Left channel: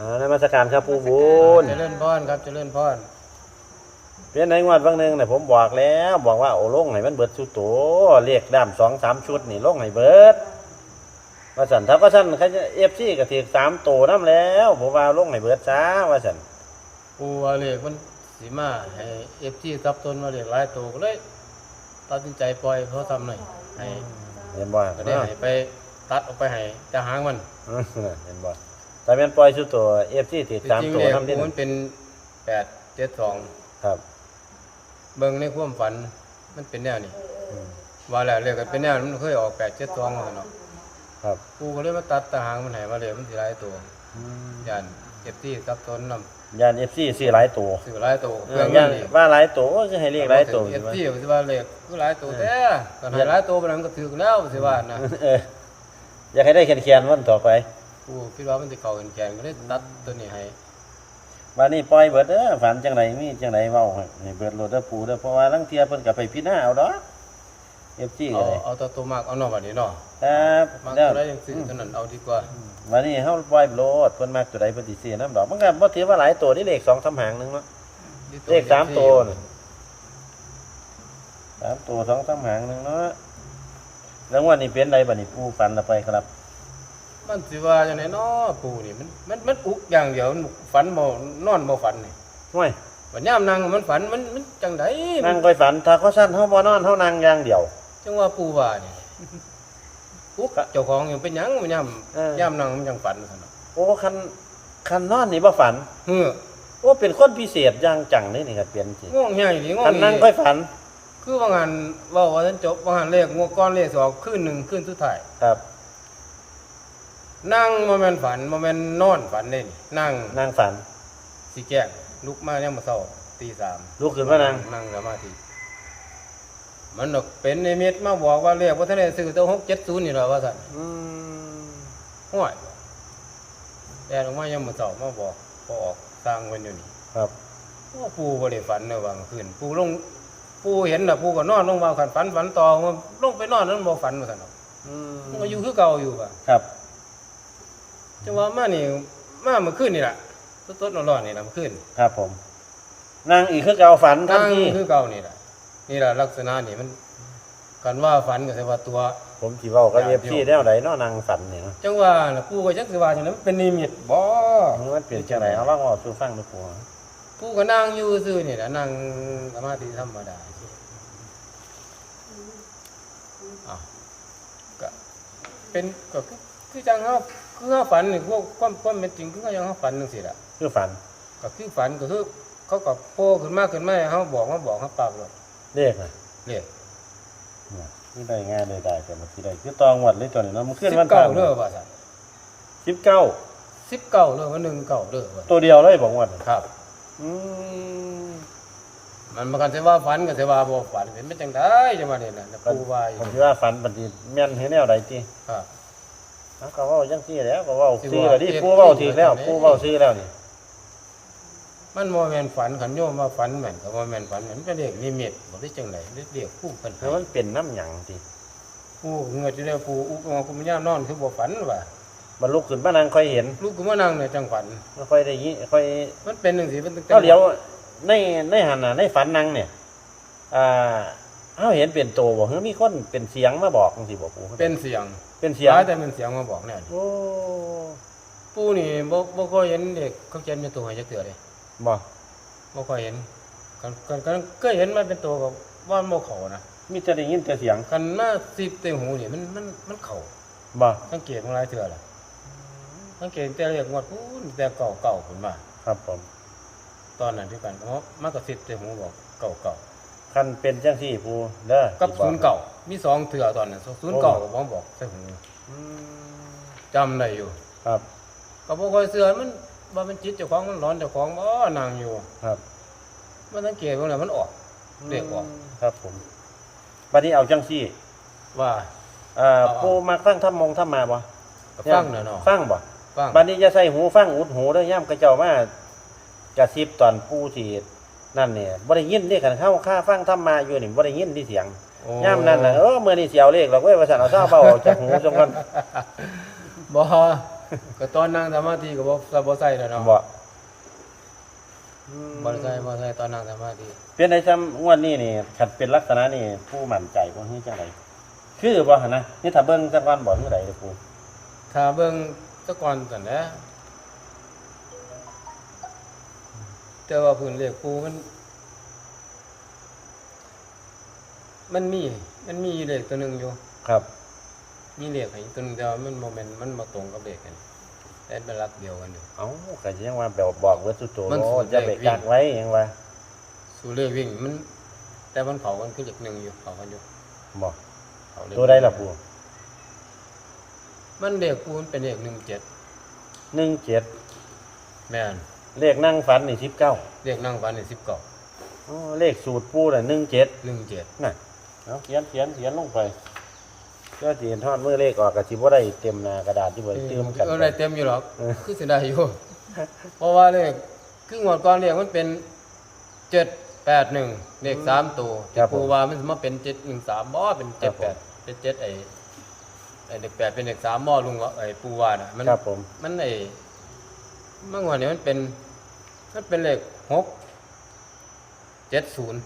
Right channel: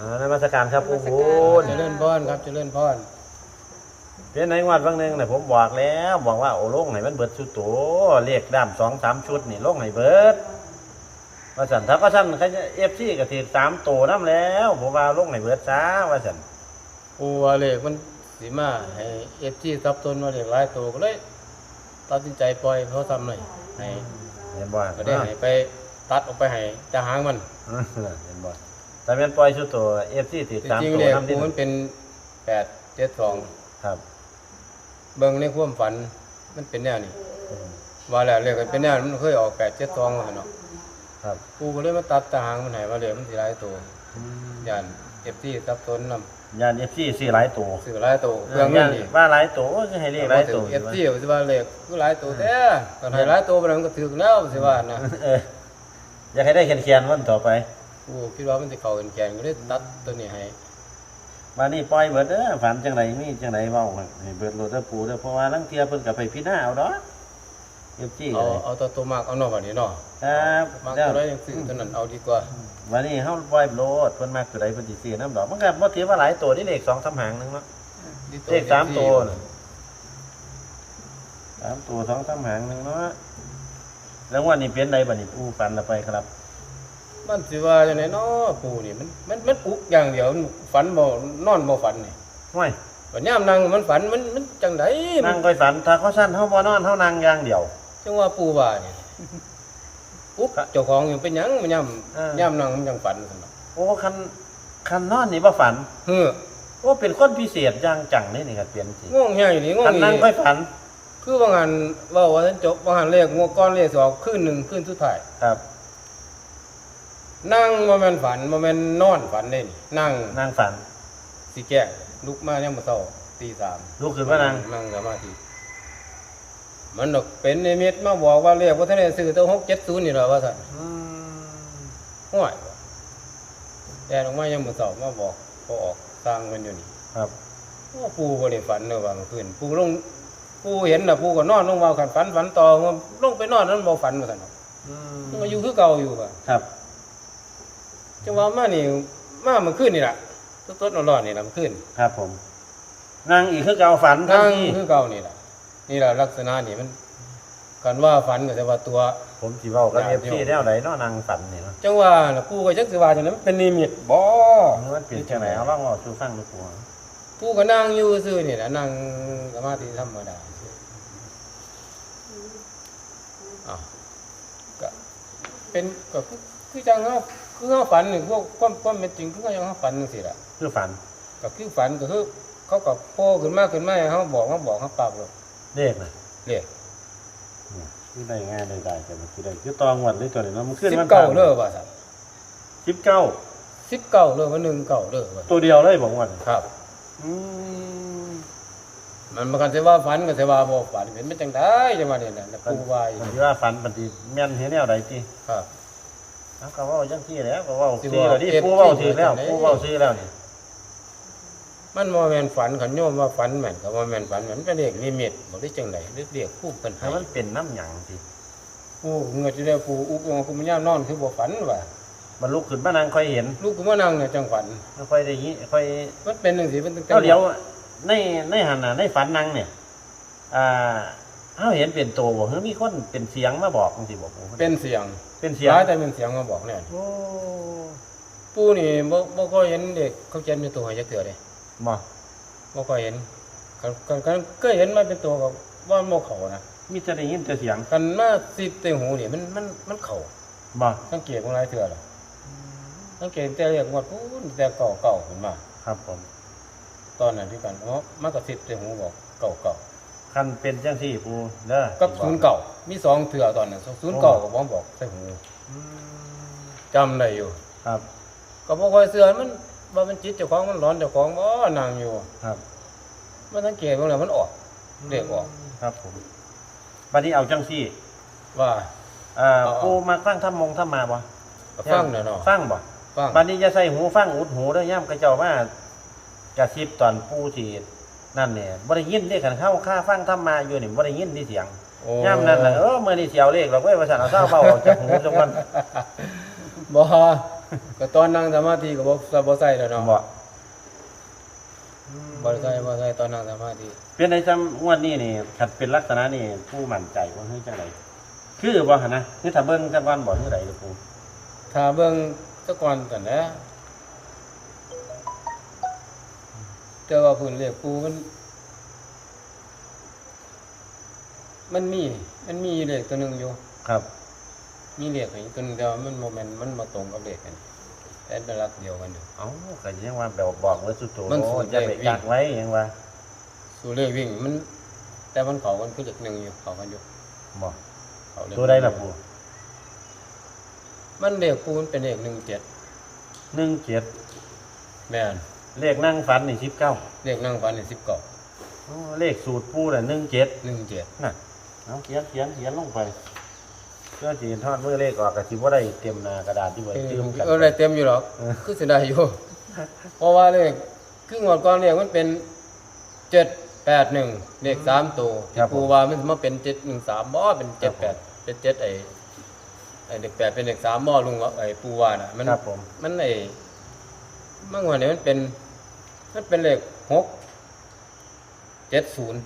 อ่านมัสการครับผู้บุญเจริญพรครับเจริญพรเพียนในงวดบางหนึงเนี่ยผมบอกแล้วบอกว่าโอ้ลงให้มันเบิดสุดโตเรียกดำสองสามชุดนี่ลงให้เบิดว่าสันถ้าก็สั่นเขาเอฟซีก็ถือสามโตน้ำแล้วผมว่าลงให้เบิดช้าว่าสันปูว่าเลขมันสีมาให้เอฟจีซับต้นมาเลขหลายตัวก็เลยตัดสินใจปล่อยเขาทำหน่อยให้เห็นบ่ก็ได้ให้ไปตัดออกไปให้จะหางมันเห็นบ่ แต่เป็นปล่อยสุดโตเอฟซีถือจสามริงโตๆเลขน้ำปูที่มันเป็นแปดเจ็ดสองครับเบิ่งในความฝันมันเป็นแนวนี้อืมว่าแล้วเลขก็เป็นแนวมันเคยออกแปดเจ็ดสองเนาะครับปูก็เลยมาตัดตาหางมันให้ว่าเลขมันสีหลายตัวยันเอฟซีซับต้นนยานเอฟซีซื้อหลายตัวำซื้อหลายตัวเปลืองเงินดีว่าหลายตัวก็คือให้เรียกหลายตัวเอฟซีสิว่าเลขคือหลายตัวแต่ตอนให้หลายตัวไปแล้วมันก็ถือแล้วสิว่านะเอออยากให้ได้เขียนๆวันต่อไป กูคิดว่ามันสิเข้าแกนก็เลยตัดตัวนี้ให้วันนี้ปล่อยเบิดเด้อฝันจังไรมีจังไรเว้าให้เบิดโลดเด้อปูเด้อเพราะว่าลังเทียเพิ่นก็ไปพิจารณาเอาดอกเอฟซีเอาเอาตัวตัวมากเอาเนาะบัดนี้เนาะครับมากแล้วตัวใดยังซื้อตัวนั้นเอาดีกว่าวันนี้เฮาปล่อยโลดเพิ่นมักตัวใดเพิ่นสิซื้อนํดอกมันก็บ่ถือว่าหลายตัวนี่เลข2 3หางนึงเนาะเลขสามตัวน่ะสามตัว2 3หางนึงเนาะแล้วงวันนี้เป็นใดบัดนี้ปูฝันละไปครับ มันสิว่าจังไดเนาะปูนี่มันมันมันอุกอย่างเดียวมันฝันบ่นอนบ่ฝันนี่ห้วยบัดยามนั่งมันฝันมันมันจังไดมันั่นงค่อยฝันถ้าเขาสั้นเฮาบ่นอนเฮานั่งอย่างเดียว จังว่าปูว่านี่อุกเจ้าของอยู่เป็นหยังมันยามเออ ยามนั่งมันจังฝันซั่นเนาะโอ้คันคันนอนนี่บ่ฝัน เฮ้อโอ้เป็นคนพิเศษอย่างจังเลยนี่ก็เปลี่ยนจริงง่วงใหญ่นี่ง่วงคันนั่งนี่ค่อยฝันคือบางอันเว่าว่าท่านจบบางอันเลขงวดก้อนเลขสองขึ้นหนึ่งขึ้นสุดท้ายครับ นั่งโมเมนฝันโมเมนนอนฝันเล่นนั่งนั่งฝันสีแก้งลุกมาเนี่ยามมาเศร้าตีสามลุกขึ้นมานั่งนั่งสมาธิมันดอกเป็นนิมิตมาบอกว่าเรียกว่าท่านได้ซื้อตัวหกเจ็ดศูนย์นี่แหละว่าท่านอืมห้วยว่ะแต่ออกมาเนี่ยามมาเศร้ามาบอกพอออกสร้างมันอยู่นี่ครับว่าปูบริฝันเนอะว่าเมื่อคืนปูลงปูเห็นนะปูก็นอนลงมาขันฝันฝันต่อมันลงไปนอนนั้นบ่ฝันว่าท่านเนาะอืมมันก็อยู่คือเก่าอยู่ค่ะครับ จังว่ามานี่มาเมื่อคืนนี่แหละต้นๆร้อนๆนี่แหละเมื่อคืนครับผมนั่งอีกคือเก่าฝันนั่งทัทีคือเก่านี่แหละนี่แหละลักษณะนี่มันกันว่าฝันก็แต่ว่าตัว ผมสิเว้ากับอยากเอฟซีอยู่แนวใดเนาะนั่งฝันนี่เนาะจังว่าน่ะปู่ก็จักสิว่าจังได๋มันเป็นนิมิตบ่หรือมันเป็นจังไดเอาลองเอาสู่ฟังดูก่อนปู่ก็นั่งอยู่ซื่อนี่แหละนั่งสมาธิธรรมดาซื่ออ้าวก็เป็นก็ คือคือจังเฮาคือเฮาฝันนี่พวกความความเป็นจริงคือจังเฮาฝันจังซี่ล่ะคือฝันก็คือฝันก็คือเขาก็โผล่ขึ้นมาขึ้นมาให้เขาบอกเขาบอกเขาปรับเลยเลขน่ะเรียกคือได้ง่ายได้ได้แต่บ่สิได้คือตองวัดเลยตัวนี้เนาะมันขึ้นสิบมันเก้าเด้อว่าสัน19สิบเก้าเด้อว่าหนึ่งเก้าเด้อว่าตัวเดียวเลยผมว่าครับอืมมันมากันเสว่าฝันกันเสว่าบ่ฝันเป็นไม่จังได้จังว่านี่แหละแล้วปูว่าอยู่คิดว่าฝันบัดนี้แม่นเฮ็ดแนวใดติครับอะ ก็เว่าจังซี่แหล้วก็เว่าสิซื้อว่าแล้วดิเอฟผู้เว้าที่ถือแล้วเกิดจังได๋ผู้เว้าซื้อแล้วนี่มันบ่แม่นฝันขันโยมว่าฝันแม่นก็บ่แม่นฝันแม่นเป็นเด็กนิมิตบ่ได้จังได๋เรียกผู้เพิ่นให้มันเป็นน้ำหยังสิผู้เงืออยู่แล้วผู้อุกว่ากูมันยามนอนคือบ่ฝันว่ามันลุกขึ้นมานั่งค่อยเห็นลูกกูมานั่งเนี่ยจังฝันค่อยได้ยินค่อยมันเป็นจังซี่มันตั้งแต่เอาเดี๋ยวในในหันน่ะในฝันนั่งเนี่ยอ่า เฮาเห็นเป็นโตบ่คือมีคนเป็นเสียงมาบอกจังซี่บ่ปู่เป็นเสียงเป็นเสียงหลายแต่เป็นเสียงมาบอกแน่นี่โอ้ปู่นี่บ่บ่ค่อยเห็นเด็กเขาเขียนเป็นตัวให้จักเทื่อเด้บ่บ่ค่อยเห็นกันกันกันเคยเห็นมาเป็นตัวก็ว่ามันบ่เข้านะมีแต่ได้ยินแต่เสียงกันมาสิบเต็งหูนี่มันมันมันเข้าบ่สังเกตของหลายเทื่อล่ะสังเกตแต่เรียกว่าพูนแต่เก่าเก่าขึ้นมา ครับผม ตอนนั้นที่กันเพราะมันก็สิบเต็งหูบอกเก่าเก่า คันเป็นจังซี่ปู่เด้อกับศูนย์เก่ามีสองเทื่อตอนนั้นศูนย์เก่าก็บ่บอกใส่หูอืมจำได้อยู่ ครับ ก็บ่ค่อยเชื่อมันว่ามันจิตเจ้าของมันร้อนเจ้าของบ่นั่งอยู่ ครับ มันสังเกตว่าแล้วมันออกเรียกออกครับผมบัดนี้เอาจังซี่ ว่าเอ่อเอาเอาปู่มาฟังธรรมงธรรมาบ่ก็ฟังน่ะเนาะฟังบ่ฟังบัดนี้จะใส่หูฟังอุดหูได้อย่ำกระเจ้าว่ากระซิบตอนผู้ที่ นั่นเนี่ยบ่ได้ยินเรียกกันเข้าค่าฟังธรรมาอยู่นี่บ่ได้ยินที่เสียงโอ้ย่ำนั่นน่ะเออมื้อนี้เสียวเลขเราเว้ยว่าซั่นเอาเจ้าเบาออกจากหูจังกันบ่ก็ตอนนั่งสมาธิก็บ่บ่ใส่แล้วเนาะบ่บ่ได้ใส่บ่ใส่ตอนนั่งสมาธิเป็นไอ้จำงวดนี้นี่คันเป็นลักษณะนี่ผู้มั่นใจบ่ฮู้จังไดคือบ่หั่นนะนี่ถ้าเบิ่งจังก่อนบ่คือใดเด้อปูถ้าเบิ่งแตะก่อนซั่นแหละ แต่ว่าพื้นเลขปูมัน มันมี มันมีเลขตัวหนึงอยู่ ครับมีเลขให้ตัวหนึงแต่ว่ามันบ่แม่นมันบ่ตรงกับเลขกันแต่เป็นหลักเดียวกันอยู่ เอ้าก็ยังว่าแบบบอกเบิดสุดโตมันสุดจะเลไปขวิ่ง อยากไว้ยังว่าสู่เลขวิ่งมัน แต่มันเขากันคือเลขหนึ่งอยู่เขากันอยู่บ่เขาเลขตัวใดล่ะปูมันเลขปูมันเป็นเลขหนึ่งเจ็ด17แม่น เลขนั่งฝันนี่19เลขนั่งฟันนี่สิบเก้าโอ้เลขสูตรปูน่ะ17หนึ่งเจ็ดน่ะเอาเขียนเขียนเขียนลงไปแล้วสิเห็นทอดเมื่อเลขออกก็สิบ่ได้เต็มหน้ากระดาษที่เบิดเออที่มันกันเออได้เต็มอยู่หรอกคือสิได้อยู่ เพราะว่าเลขครึ่งหมดก่อนเลขมันเป็นเจ็ดแปดหนึ่งเลขสามตัวที่ปูว่ามันมาเป็นเจ็ดหนึ่งสามบ่เป็นเจ็ดแปดเป็นเจ็ดไอ้ไอ้เลขแปดเป็นเลขสามบ่ลุงว่าไอ้ปูว่าน่ะ มันครับผม มันไอ้เมื่อวานนี้มันเป็น มันเป็นเลขหกเจ็ดศูนย์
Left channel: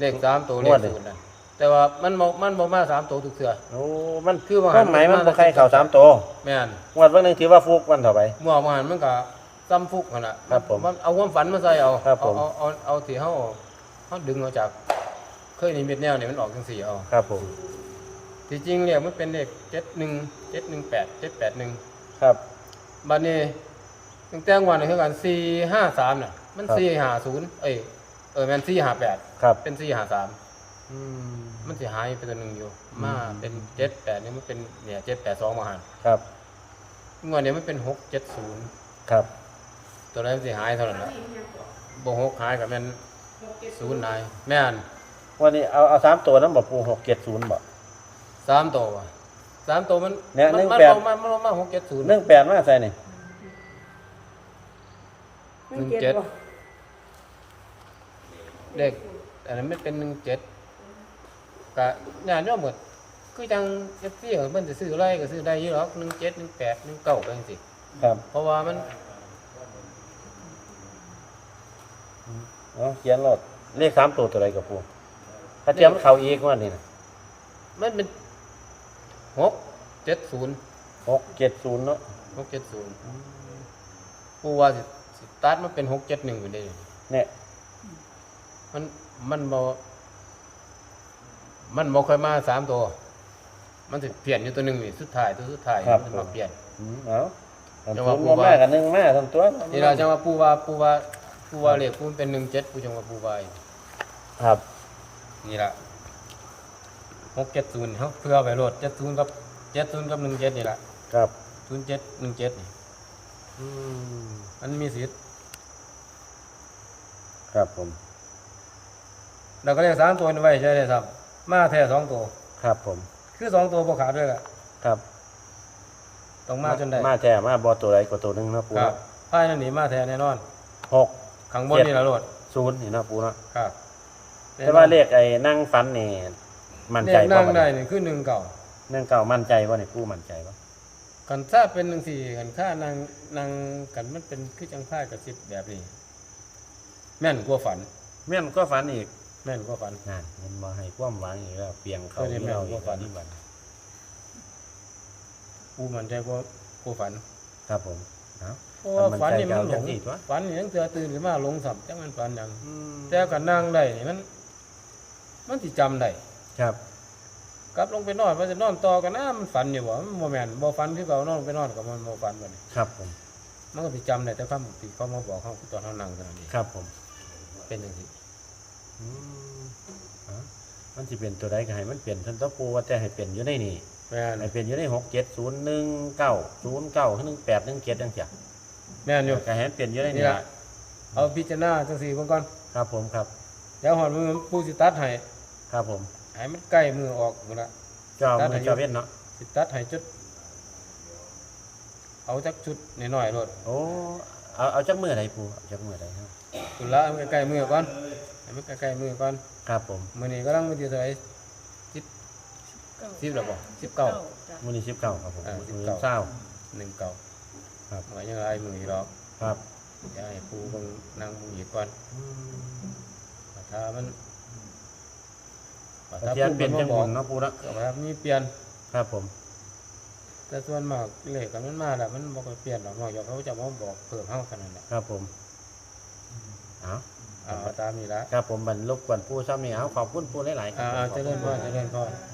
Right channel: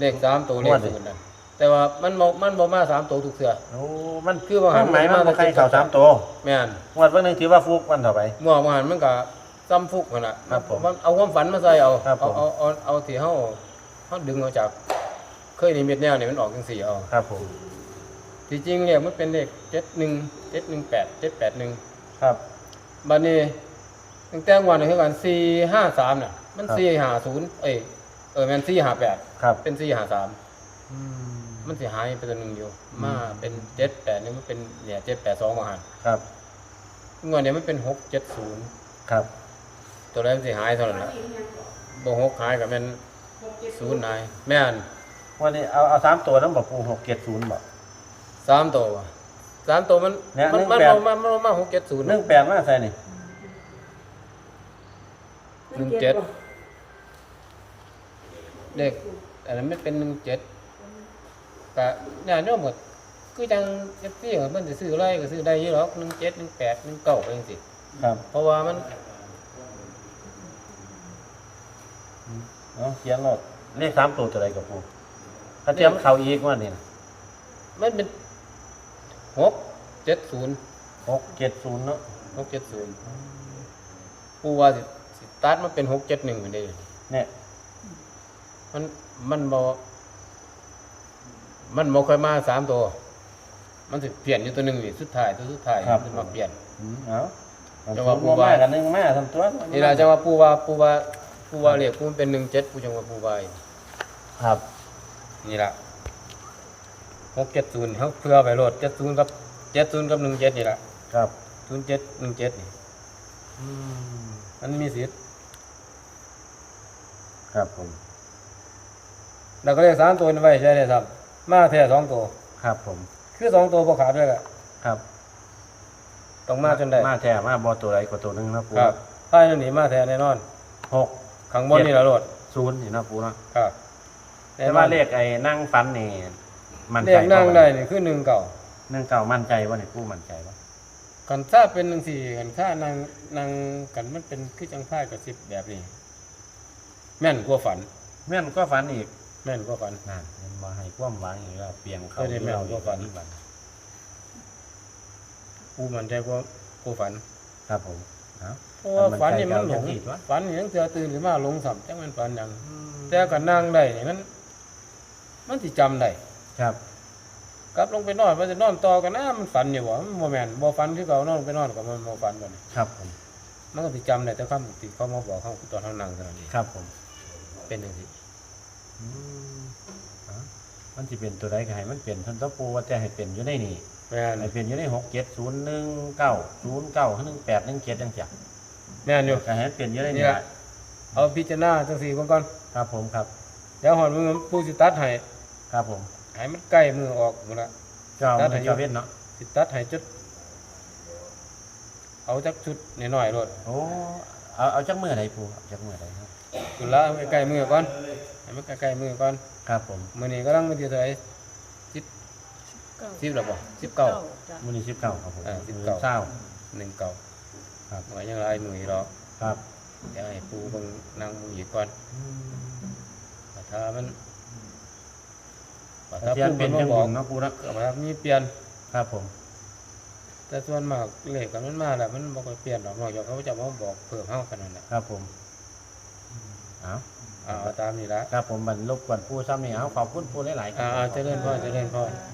เลขสามตัวเลขศูนย์นั่นแต่ว่ามันบ่มันบ่มาสามตัวทุกเสือโอ้มันคือว่าหันไหนมามาแต่ใครเก่าสามตัวแม่นงวดวันหนึงถือว่าฟุกวันเท่าไหร่เมื่อวานมันก็ซ้ำฟุกนั่นน่ะครับผมมันเอาความฝันมาใส่เอาครับเอาผมเอาเอาเอาที่เฮาเฮาดึงออกจาก เคยนิมิตแนวนี่มันออกจังสี่เอา ครับผมที่จริงเนี่ยมันเป็นเลข71 718 781ครับบัดนี้ ตั้งแต่วันนี้คือกัน453น่ะ มัน450เอ้ยเออแม่น458ครับเป็น453มันสิหายไปตัวหนึงอยู่ มาเป็น78นี่มันเป็นเนี่ย782มาหันครับงวดนี้มันเป็น670ครับ ตัวแรกสิหายเท่านั้นละบ่หกหายกับแม่นศูนย์หายแม่นวันนี้เอาเอาสามตัวนั้นบอกปูหกเจ็ดศูนย์บอกสามตัวว่ะสามตัวมันเนี่ยมันหนึ่งมันแปดบ่มามันบ่มาหกเจ็ดศูนย์หนึ่งแปดมาใส่นี่ หนึ่งเจ็ดเด็กอันนั้นไม่เป็นหนึ่งเจ็ดก็เนี่ยเนี่ยหมดคือจังเอฟซีมันจะซื้ออะไรก็ซื้อได้อยู่หรอกหนึ่งเจ็ดหนึ่งแปดหนึ่งเก้าไปจังซี่ครับ เพราะว่ามันเอาเขียนรถเลขสามตัวตัวใดกับปูถ้าเทียมเขาอีกว่านี่นะมันเป็นหกเจ็ดศูนย์หกเจ็ดศูนย์เนาะหกเจ็ดศูนย์ผู้ว่าสิสิ ตัดมันเป็นหกเจ็ดหนึ่งไปได้อยู่นี่เนี่ยมันมันบ่มันบ่ค่อยมาสามตัว มันสิเปลี่ยนอยู่ตัวหนึ่งนี่สุดท้ายตัวสุดท้ายมันสิมาเปลี่ยน อืมเอาจังหวะปูว่ากันหนึ่งแม่ทำตัวนี่ล่ะจังว่าปูว่าปูว่าปูว่าเรียกปูมันเป็นหนึ่งเจ็ดปูจังว่าปูว่าอีกครับนี่ล่ะหกเจ็ดศูนย์เขาเพื่อไปโหลดเจ็ดศูนย์กับเจ็ดศูนย์กับหนึ่งเจ็ดนี่ล่ะครับศูนย์เจ็ดหนึ่งเจ็ดนี่ อืมมันมีสิทธิ์ ครับผมแล้วก็เรียกสามตัวนี่ไว้ใช่เลยครับ มาแท้สองตัว ครับผม คือสองตัวบ่ขาดด้วยล่ะครับต้องมาจนได้มาแท้มาบอตัวใดกว่าตัวหนึงนะปูครับภายในนี้มาแท้แน่นอนหกข้างบนนี่ล่ะโหลดศูนย์นี่นะปูนะครับแต่ว่าเลขไอ้นั่งฟันนี่มันเรียกนั่งได้นี่คือหนึ่งเก่าเนื่องเก่ามั่นใจว่านี่ปูมั่นใจว่ากันถ้าเป็นหนึ่งสี่กันค่านางนางกันมันเป็นคือจังพ่ายกับสิบแบบนี้ แม่นกว่าฝัน แม่นก็ฝันอีกแม่นกว่าฝัน นั่นมันมาให้ความหวังอีกแล้วเปลียงเขาเออนี่แม่นก็ฝันวันกูมันใจกว่ากว่าฝันครับผมเอา เพราะว่าฝันนี่มันหลงมันใจเก่าจังสิวะ ฝันนี่ยังเตือตื่นขึ้นมาหลงสับจังมันฝันหยังแต่กันนั่งได้นี่มัน มันสิจำได้ครับ กลับลงไปนอนว่าจะนอนต่อกันนะมันฝันอยู่บ่มันบ่แม่นบ่ฝันคือเก่านอนลงไปนอนกับมันบ่ฝันบัดนี้ครับผม มันก็สิจำได้แต่คำที่เขามาบอกเขาตอนเฮานั่งเท่านั้นเองครับผม เป็นจังซี่อืมเอามันจะเป็นตัวใดก็ให้มันเปลี่ยนท่านตะปูว่าจะให้เป็นอยู่ในนี่แม่นให้เป็นอยู่ในหกเจ็ดศูนย์หนึ่งเก้าศูนย์เก้าหนึ่งแปดหนึ่งเจ็ดจังเสียแม่นอยู่ ก็ให้มันเป็นอยู่ในนี่นี่แหละเอาพิจารณาจังซี่เบิ่งก่อนครับผมครับ เดี๋ยวหอนมือผู้สิตัดให้ครับผมให้มันใกล้มือออกหมดละ เจ้าตัดให้เจ้าเว้นเนาะสิตัดให้จุด เอาจักชุดน้อยๆโลดโอ้เอาเอาจักมือไหนปูเอาจักมือไหนครับ ตุละเอาใกล้ๆมือก่อนให้มันใกล้ๆมือก่อนครับผมมื้อนี้กำลังมื้อที่เท่าไหร่สิบสิบแล้วบ่สิบเก้าจ้ะมื้อนี้สิบเก้าครับผมอ่ามื้อ19เช้า หนึ่งเก้าครับ หมายยังไรมือหรอกครับเดี๋ยวให้ปูเบิ่งนั่งมึงอีกก่อนว่าถ้ามันว่าถ้าเทียนปูเป็เป็นนจัมางบอกนะปูนะก็ว่ามีเปลี่ยน ครับผม แต่ส่วนมากเลขกันมันมาแล้วมันบ่ค่อยเปลี่ยนหรอกนอกจากเขาจะมาบอกเพิ่มเฮากันนั่นแหละครับผม เอ้าเอาเอาตามนี้ละ ครับผมบรรลุกวนปูซ้ำนี่เอาขอบคุณปูหลายๆครัอ่าบเอาเจริญพรเจริญพรจ้ะ